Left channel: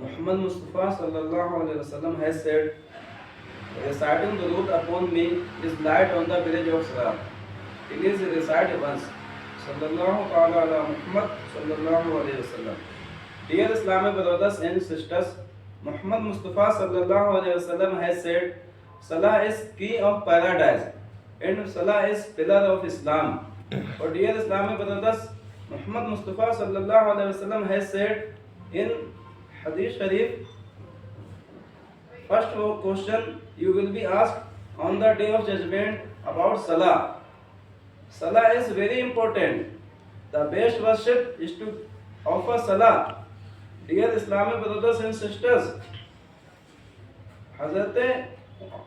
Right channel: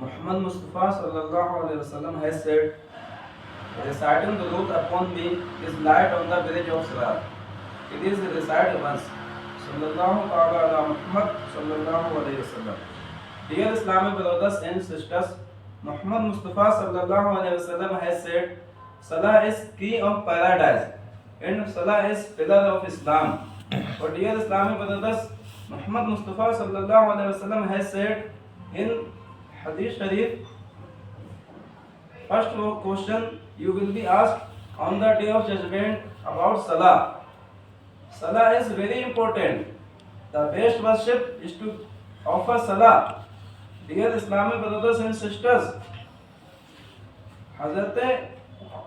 Muhammad Mustafa sallallahu alaihi wasallam has said, reciting durood upon me is light on the village of Salah. It is recited once. Sallallahu ta'ala ala Muhammad sallallahu alaihi wasallam. Dear Islamic brothers and sisters, Muhammad Mustafa sallallahu alaihi wasallam has said, Salah is key of paradise and Salah is pillar of Islam. But dear Islamic brothers, Muhammad Mustafa sallallahu alaihi wasallam has said in Hadith Sharif, first question you will be asked on the day of judgment about Salah. Salah is very important. The best worship is to offer Salah. Dear Islamic brothers and sisters, Hazrat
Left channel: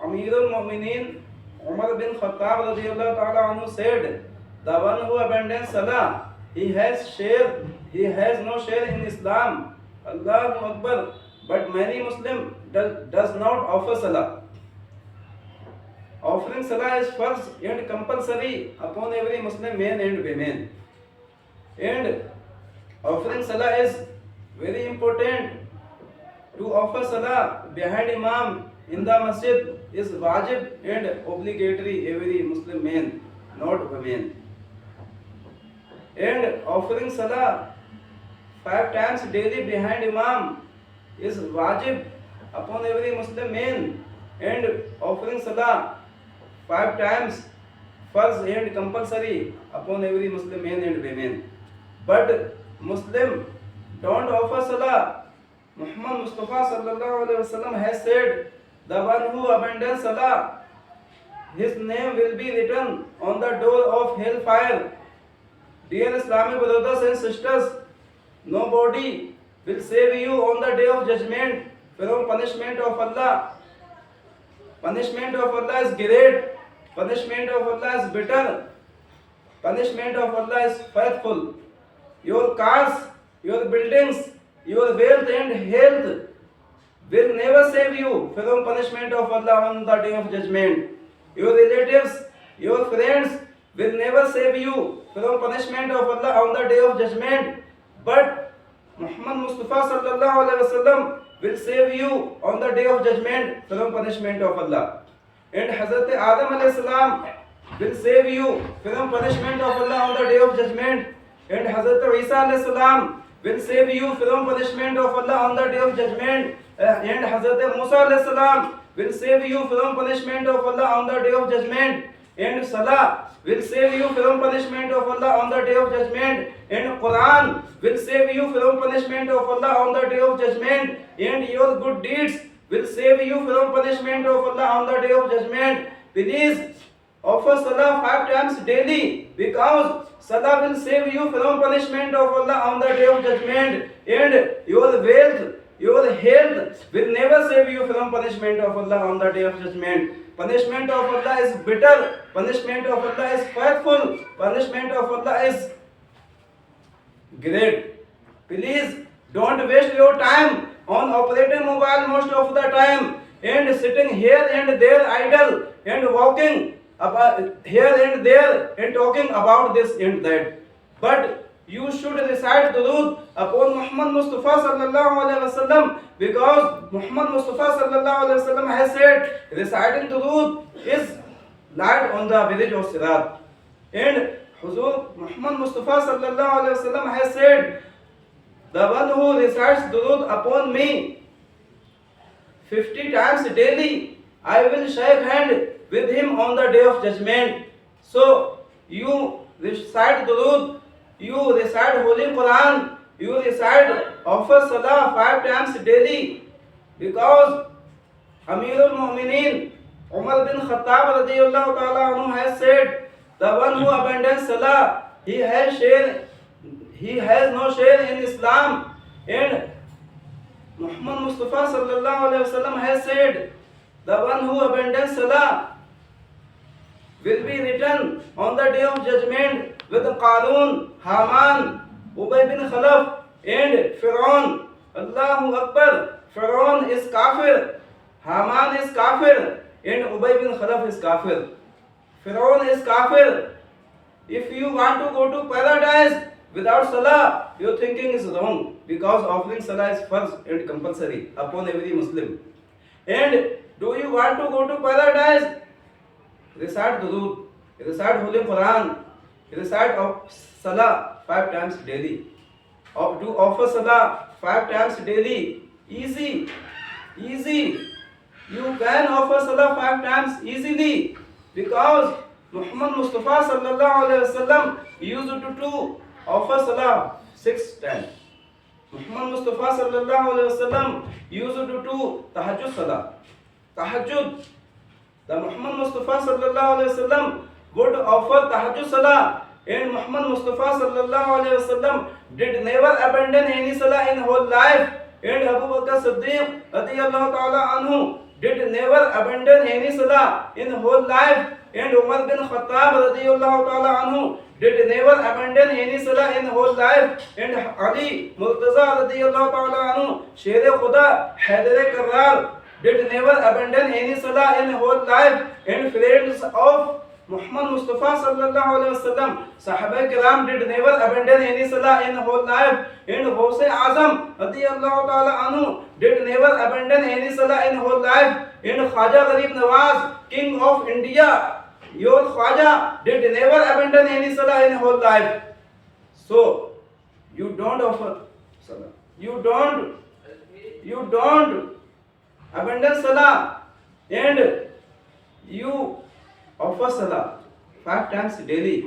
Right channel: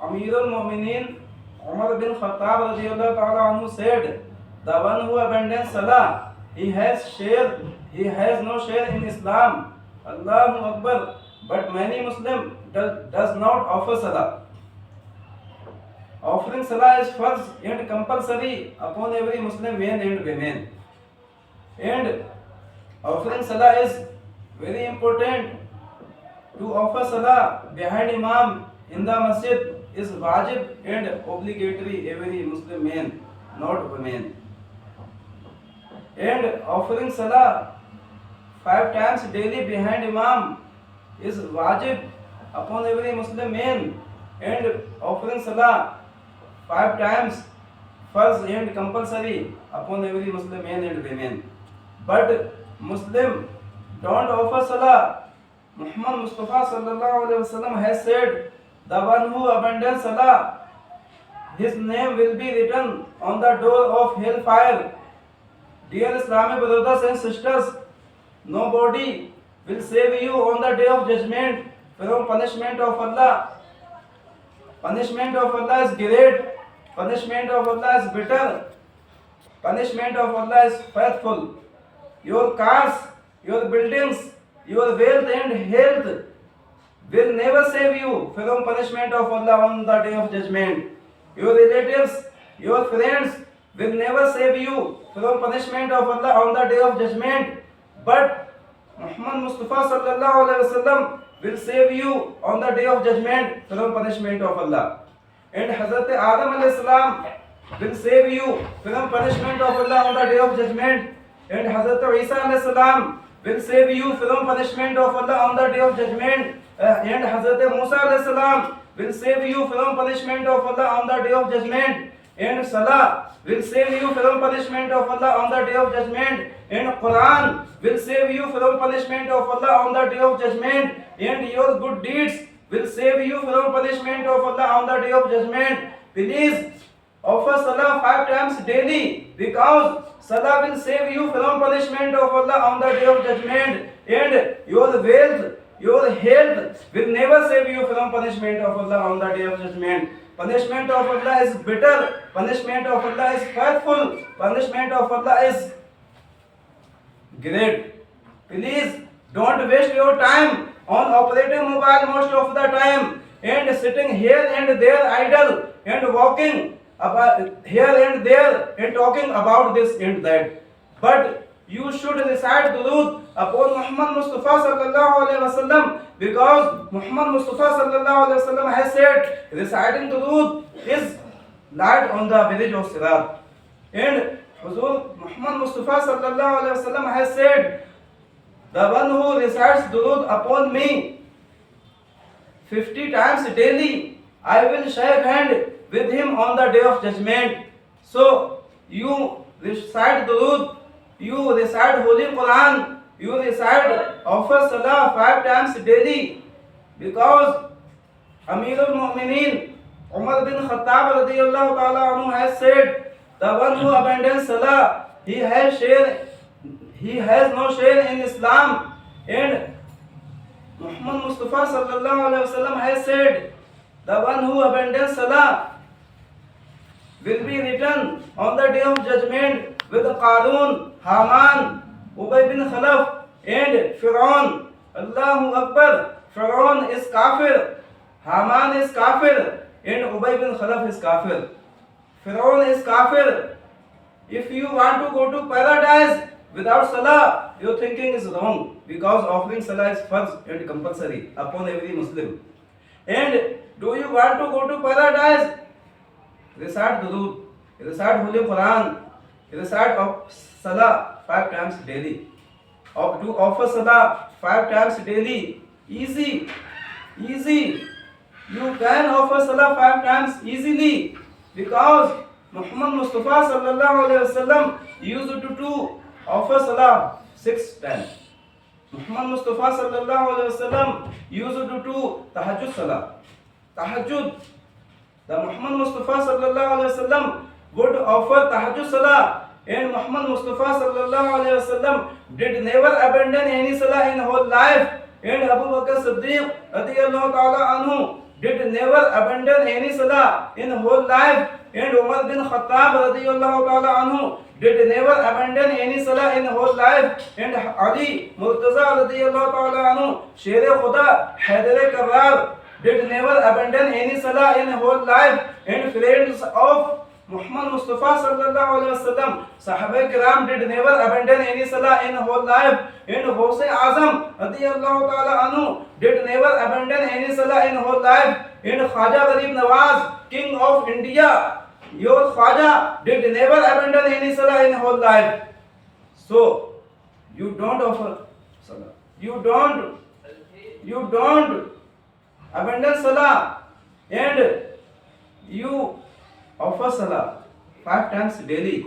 Amir al-Mu'mineen Umar bin Khattab radiyallahu ta'ala anhu said, the one who abandons Salah, he has no share in Islam. Allahu Akbar. But many Muslim does not offer Salah. Offering Salah is first and compulsory upon every Muslim man and women. And offering Salah is very important. To offer Salah behind Imam in the masjid is wajib and obligatory every Muslim man, not women. And offering Salah 5 times daily behind Imam is wajib upon every Muslim man, and offering Salah 5 times first and compulsory upon every Muslim man and women. But Muslim don't offer Salah. Muhammad Mustafa sallallahu alaihi wasallam has said, the one who abandons Salah, his name will be written on the door of hellfire. Dear Islamic brothers and sisters, nobody will save you on the day of judgment from punishment of Allah. Punishment of Allah is great. Punishment of Allah is bitter. Punishment of Allah is faithful. Your cars, your buildings, your wealth and health will never save you from punishment of Allah on the day of judgment. Your relatives, your friends will never save you from punishment of Allah on the day of judgment. But Muhammad Mustafa sallallahu alaihi wasallam will save you on the day of judgment from punishment of Allah. And Hazrat Adam alayhi salam will save you from punishment of Allah on the day of judgment. And Hazrat Isa alayhi salam will save you from punishment of Allah on the day of judgment. And Hazrat Musa alayhi salam will save you from punishment of Allah on the day of judgment. And Salah will save you from punishment of Allah on the day of judgment. And Quran will save you from punishment of Allah on the day of judgment. And your good deeds will save you from punishment of Allah on the day of judgment. Please offer Salah 5 times daily, because Salah will save you from punishment of Allah on the day of judgment. And your wealth, your health will never save you from punishment of Allah on the day of judgment. Punishment of Allah is bitter. Punishment of Allah is faithful. Punishment of Allah is great. Please don't waste your time on operating mobile most of the time and sitting here and there idle and walking about here and there and talking about this and that. But you should recite durood upon Muhammad Mustafa sallallahu alaihi wasallam, because Muhammad Mustafa sallallahu alaihi wasallam has said, reciting durood is light on the village of Sirat. And Huzur Muhammad Mustafa sallallahu alaihi wasallam has said, the one who recites durood upon me 50 times daily, I will shake hand with him on the day of judgment. So you recite durood, you recite Holy Quran, you recite offer Salah 5 times daily, because Amir al-Mu'mineen Umar bin Khattab radiyallahu ta'ala anhu has said, the one who abandons Salah, he has no share in Islam. And Muhammad Mustafa sallallahu alaihi wasallam has said, the one who abandons Salah will be written on the day of judgment with Qarun, Haman, Ubay bin Khalaf and Fir'aun. Allahu Akbar. Fir'aun is kafir, Haman is kafir, and Ubay bin Khalaf is kafir. Fir'aun is kafir. If you want to go to paradise, Without salah, your thinking is wrong, because offering salah is first and compulsory upon every Muslim. And do you want to go to paradise? Recite Durood, recite Holy Quran, recite of salah 5 times daily. Do offer salah 5 times daily. Easy, easy. You can offer salah 5 times easily, because Muhammad Mustafa sallallahu alaihi wasallam used to offer salah 6 times. Muhammad Mustafa sallallahu alaihi wasallam used to do tahajjud salah. Tahajjud. The Muhammad Mustafa sallallahu alaihi wasallam would offer tahajjud salah, and Muhammad Mustafa sallallahu alaihi wasallam did never abandon any salah in whole life. And Abu Bakr Siddiq radiyallahu ta'ala anhu did never abandon any salah in whole life. And Umar bin Khattab radiyallahu ta'ala anhu did never abandon any salah in whole life. And Ali Murtaza radiyallahu ta'ala anhu, Sher Khuda Haidar Karrar, did never abandon any salah in whole life. And friends of Muhammad Mustafa sallallahu alaihi wasallam, Sahaba Kiram did never abandon any salah in whole life. And Ghaus Azam radiyallahu ta'ala anhu did never abandon any salah in whole life. And Khwaja Gharib Nawaz, King of India, your Khwaja, did never abandon any salah in whole life. So you don't offer salah. You don't abandon salah, and you offer salah 5 times daily.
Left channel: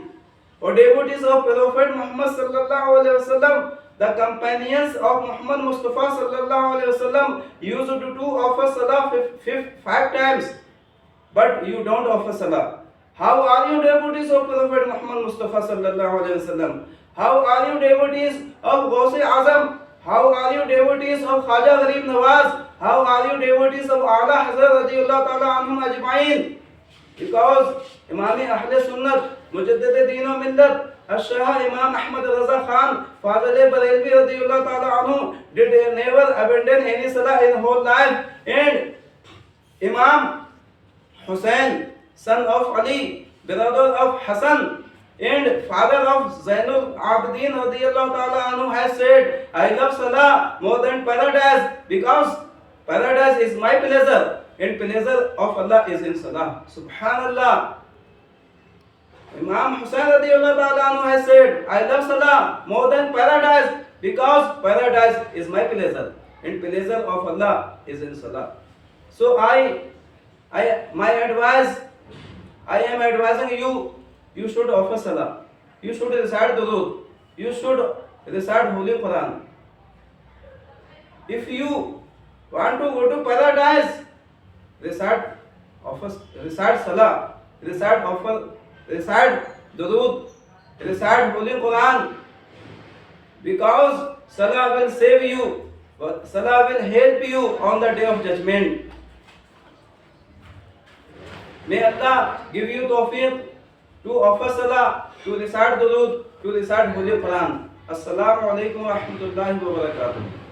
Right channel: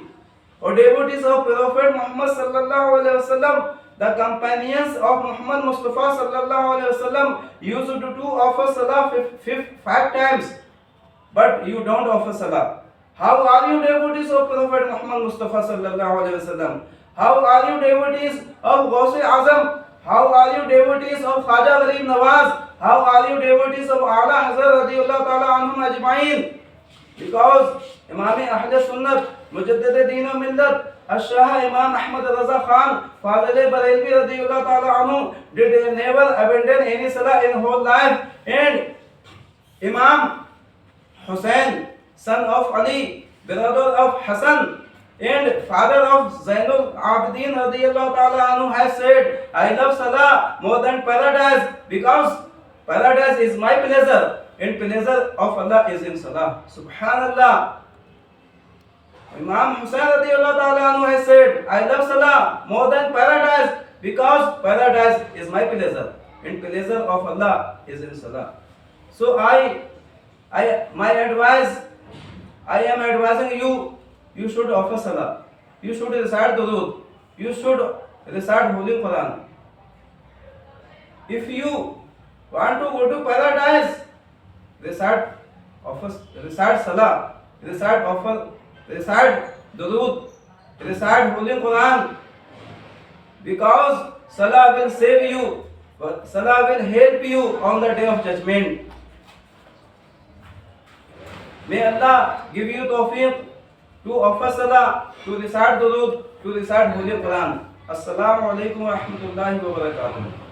O devotees of Prophet Muhammad sallallahu alaihi wasallam, the companions of Muhammad Mustafa sallallahu alaihi wasallam used to offer salah 5 times, but you don't offer salah. How are you devotees of Prophet Muhammad Mustafa sallallahu alaihi wasallam? How are you devotees of Ghaus Azam? How are you devotees of Khwaja Gharib Nawaz? How are you devotees of Ala Hazrat radiyallahu ta'ala anhum ajma'in? Because Imam Ahl Sunnat, Mujaddid Deen wa Millat, Shah Imam Ahmad Raza Khan, Fadil Barelvi radiyallahu ta'ala anhu did never abandon any salah in whole life. And Imam Hussain, son of Ali, brother of Hassan, and father of Zainul Abidin radiyallahu ta'ala anhu, has said, I love salah more than paradise, because paradise is my pleasure, and pleasure of Allah is in salah. Subhanallah. Imam Hussain radiyallahu ta'ala anhu has said, I love salah more than paradise, because paradise is my pleasure, and pleasure of Allah is in salah. So I am advising you, you should offer salah, you should recite durood, you should recite Holy Quran. If you want to go to paradise, recite salah, recite durood, recite Holy Quran, because salah will save you, salah will help you on the day of judgment. May Allah give you tawfiq to offer salah, to recite durood, to recite Holy Quran. Assalamu alaikum wa rahmatullahi wa barakatuh.